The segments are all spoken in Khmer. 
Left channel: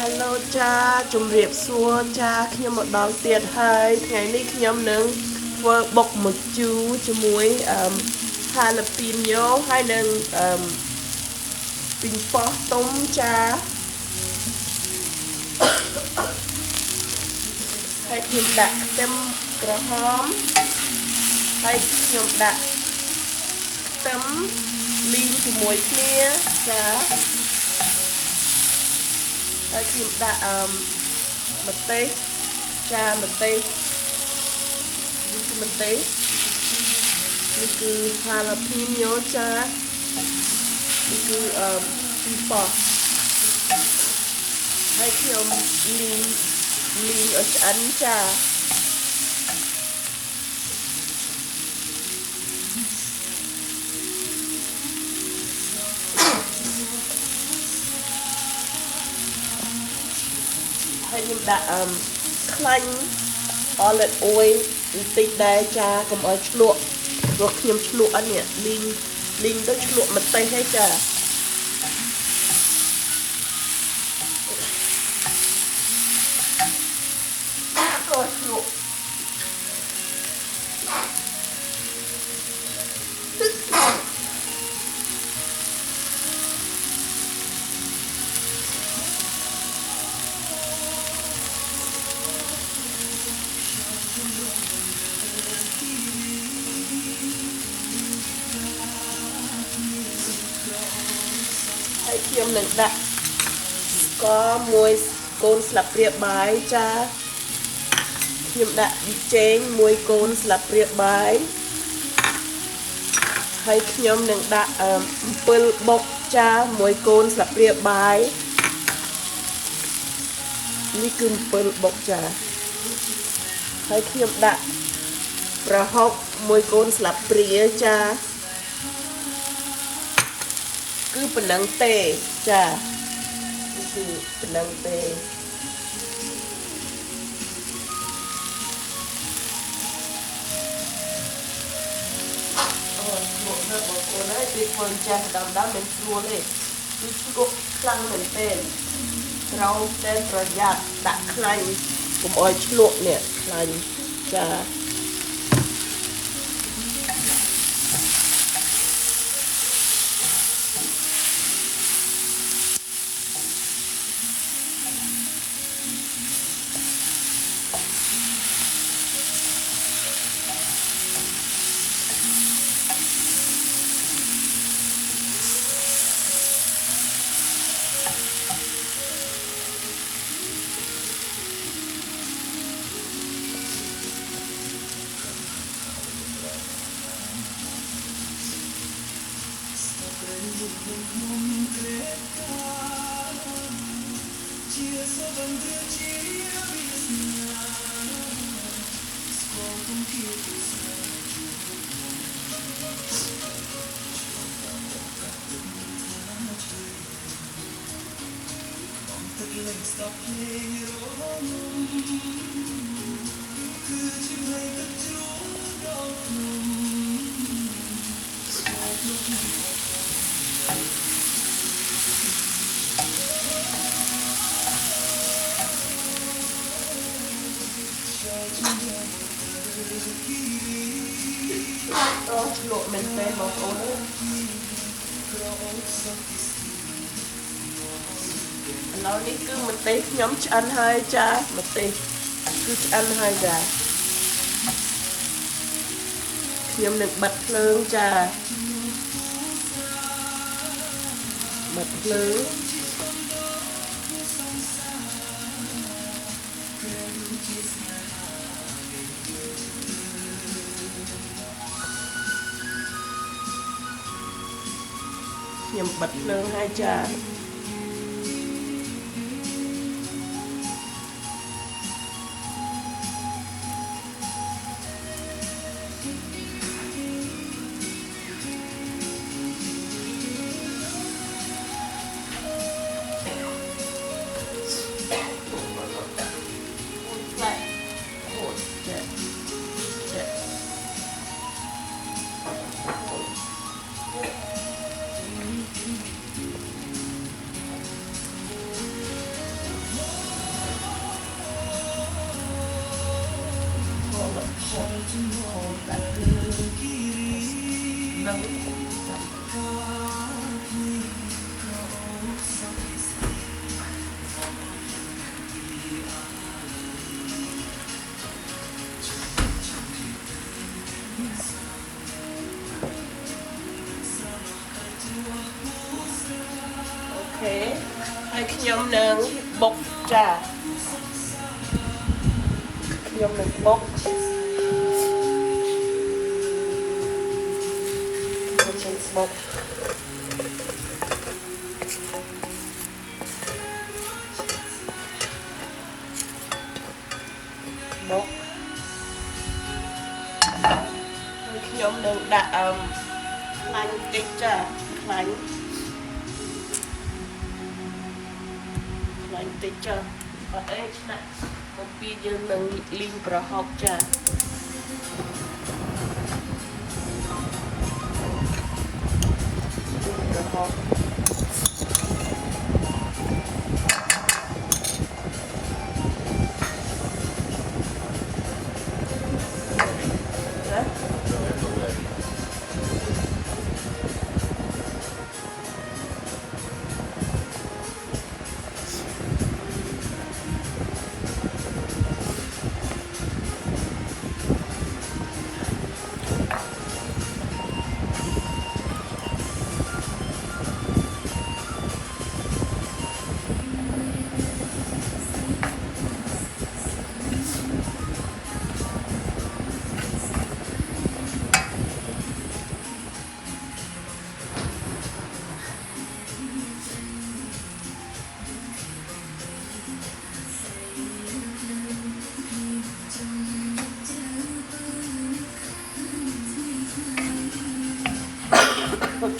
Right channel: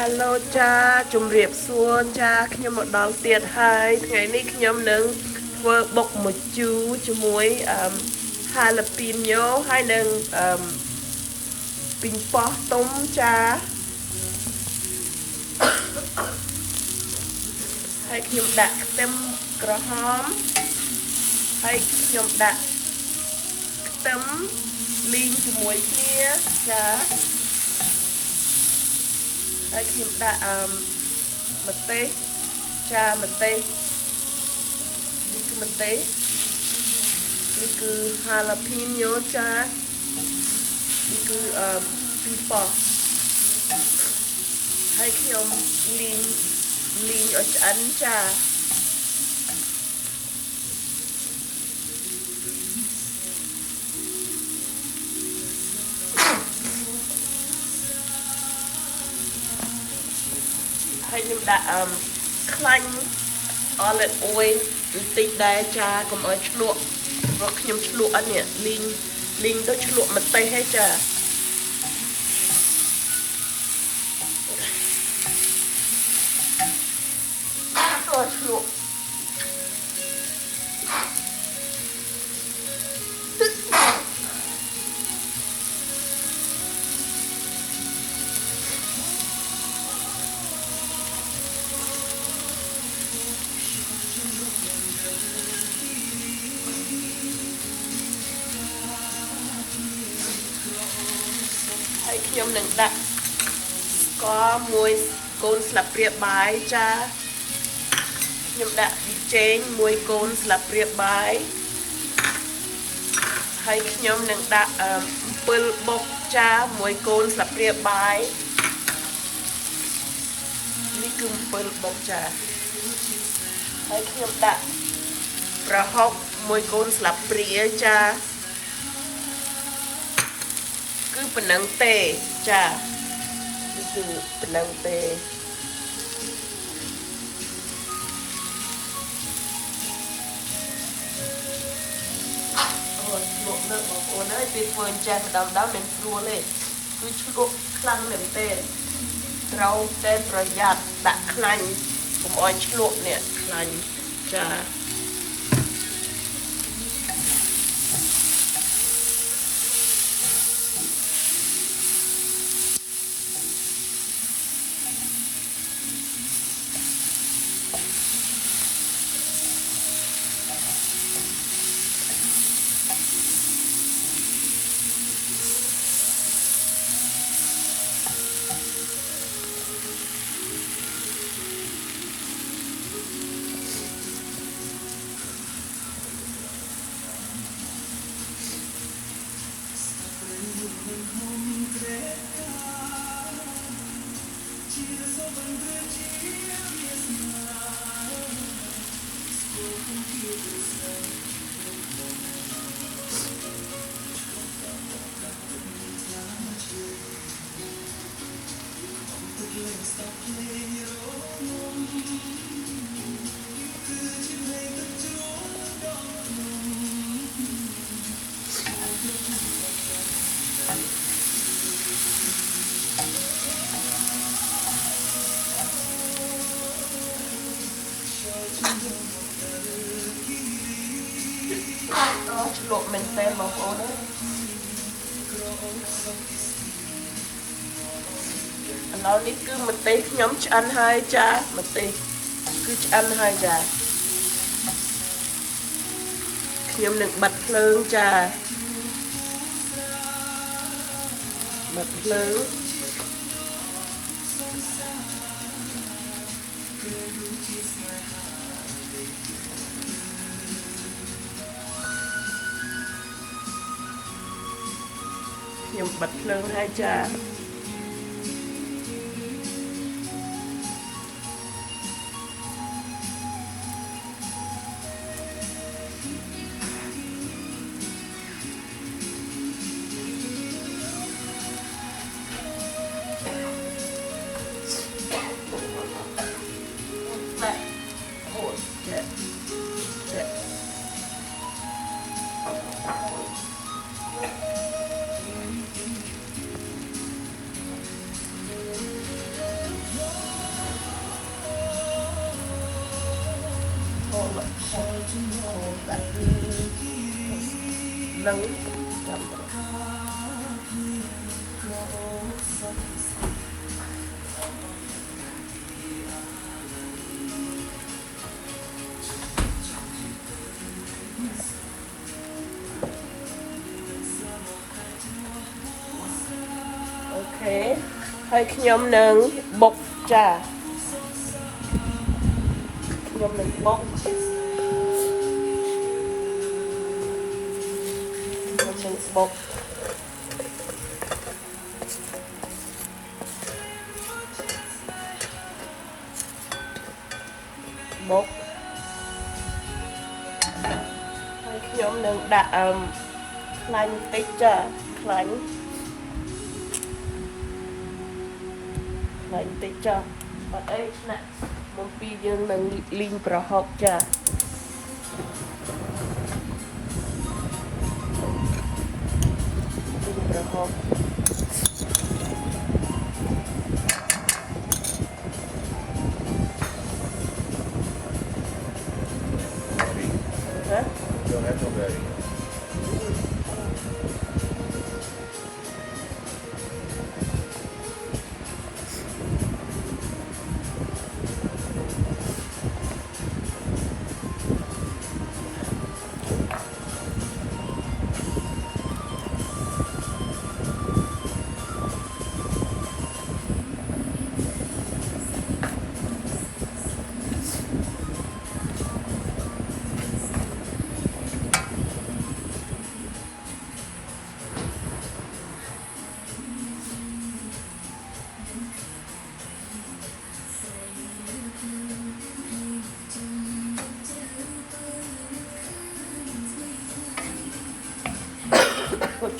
Hello ចាជំរាបសួរចាខ្ញុំមកដល់ទៀតហើយថ្ងៃនេះខ្ញុំនឹងធ្វើបុកមួយជូរជាមួយហាឡាពីញ៉ូហើយនឹងពីងប៉ោះទុំចាហើយខ្ញុំដាក់ខ្ទឹមក្រហមហើយខ្ញុំដាក់ខ្ទឹមលីងជាមួយគ្នាចាហើយខ្ញុំដាក់ម្ទេសចាម្ទេសនេះគឺម្ទេសនេះគឺ jalapeno ចានេះគឺពីប៉ោះហើយខ្ញុំលីងឲ្យឆ្អិនចាហើយខ្ញុំដាក់ខ្លាញ់ olive oil បន្តិចដែរចាកុំឲ្យឆ្លក់ព្រោះខ្ញុំឆ្លក់នេះលីងទៅឆ្លក់ម្ទេសហើយចាអូឆ្លក់ហើយខ្ញុំនឹងដាក់ស្ករមួយកូនស្លាបព្រាបាយចាខ្ញុំដាក់ប៊ីចេង1កូនស្លាបព្រាបាយហើយខ្ញុំនឹងដាក់អំពិលបុកចា1កូនស្លាបព្រាបាយនេះគឺអំពិលបុកចាហើយខ្ញុំដាក់ប្រហុក1កូនស្លាបព្រាចាគឺប៉ុណ្ណឹងទេចានេះគឺប៉ុណ្ណឹងទេអូយលក់នៅបងប្អូនហើយពេលធ្វើចាស់ដើមមិនស្រួលទេគឺស្គប់ខ្លាំងមែនទេត្រូវតែប្រយ័ត្នដាក់ខ្លាញ់កុំឲ្យឆ្លក់នេះខ្លាញ់ចាអូឆ្លក់មែនទេបងប្អូនឥឡូវនេះគឺម្ទេសខ្ញុំឆ្អិនហើយចាម្ទេសគឺឆ្អិនហើយចាខ្ញុំនឹងបិទភ្លើងចាបិទភ្លើងខ្ញុំបិទភ្លើងហើយចា bật khô đặt nấu ok ហើយខ្ញុំនឹងបុកចាខ្ញុំនឹងបុកបុកបុកហើយខ្ញុំនឹងដាក់ខ្លាញ់បន្តិចចាខ្លាញ់បន្តិចចាបើអីឆ្នាក់មកពីយើងនឹងលីងប្រហុកចា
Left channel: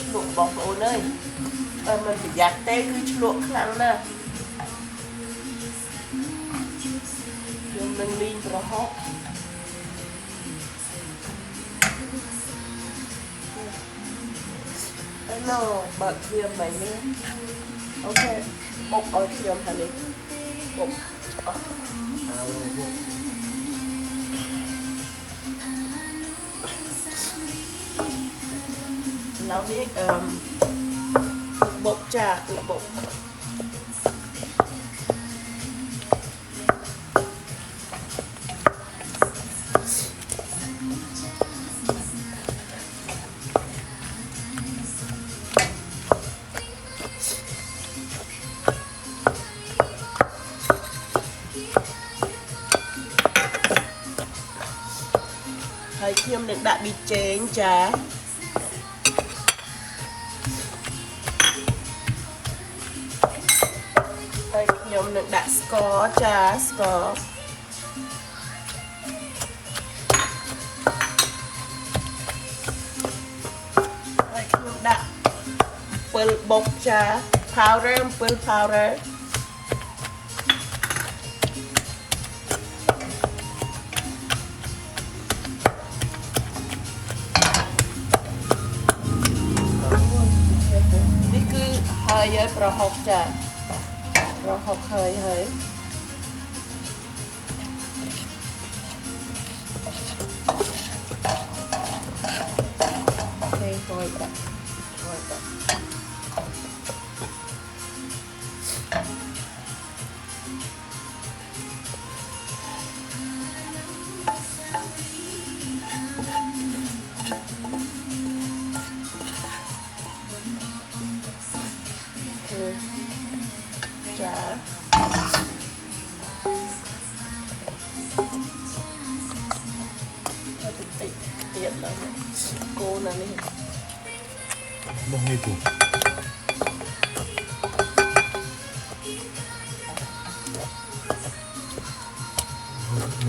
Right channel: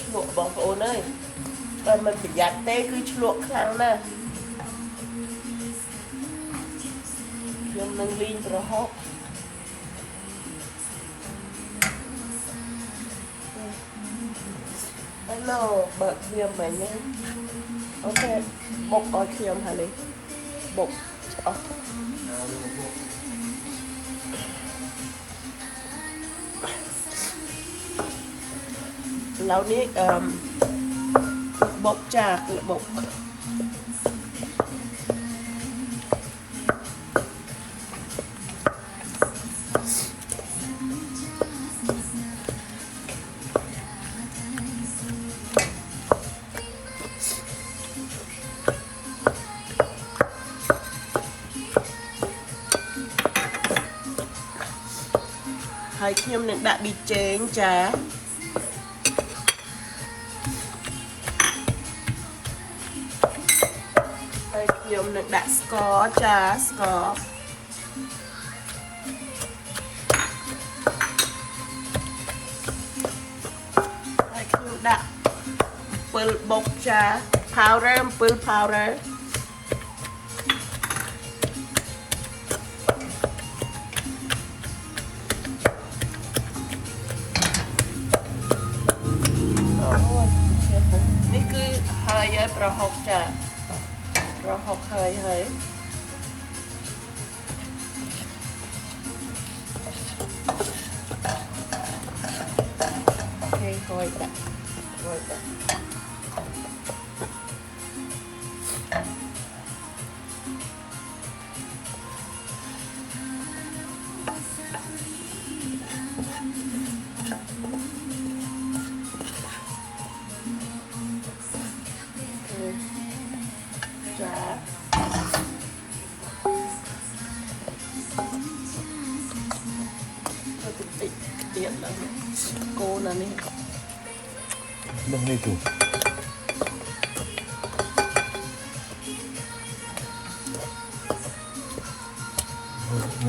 ឆ្លក់បងប្អូនអើយតែមិនប្រយ័ត្នទេគឺឆ្លក់ខ្លាំងណាស់ខ្ញុំនឹងលីងប្រហុកនៅបើកវាបែបនេះអូខេបុកឲ្យខ្ញុំហើយនេះបុកអស់បុកឥឡូវនេះបុកចាគឺបុកហើយខ្ញុំនឹងដាក់ប៊ីចេងចាខ្ញុំនឹងដាក់ស្ករចាស្ករហើយខ្ញុំដាក់អំពិលបុកចា powder អំពិល powder នេះគឺហើយប្រហុកចាប្រហុកហើយអូខេហើយដាក់ចាតិចទៀតដល់គោណានេះដល់នេះគោន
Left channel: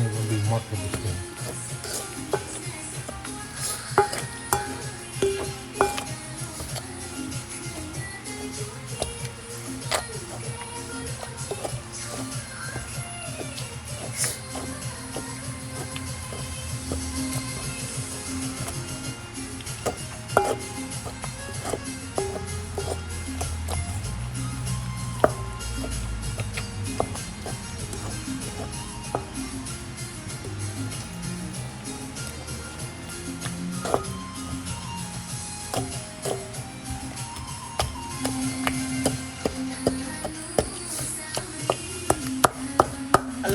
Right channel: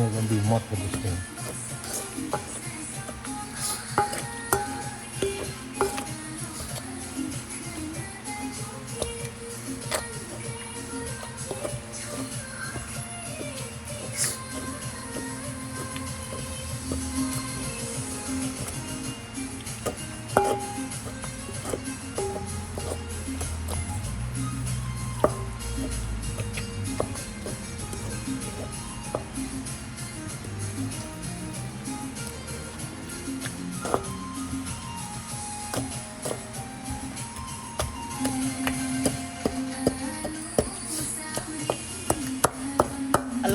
េះมันดูมากเลย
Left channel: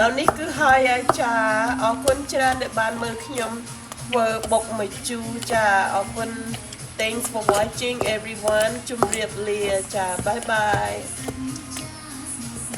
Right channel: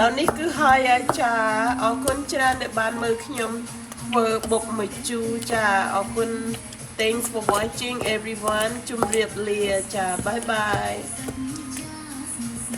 ឡូវនេះគឺហើយហើយចាអរគុណច្រើនដែលបានមើលខ្ញុំធ្វើបុកមួយជូរចាអរគុណ Thanks for watching everyone ជម្រាបលាចា Bye bye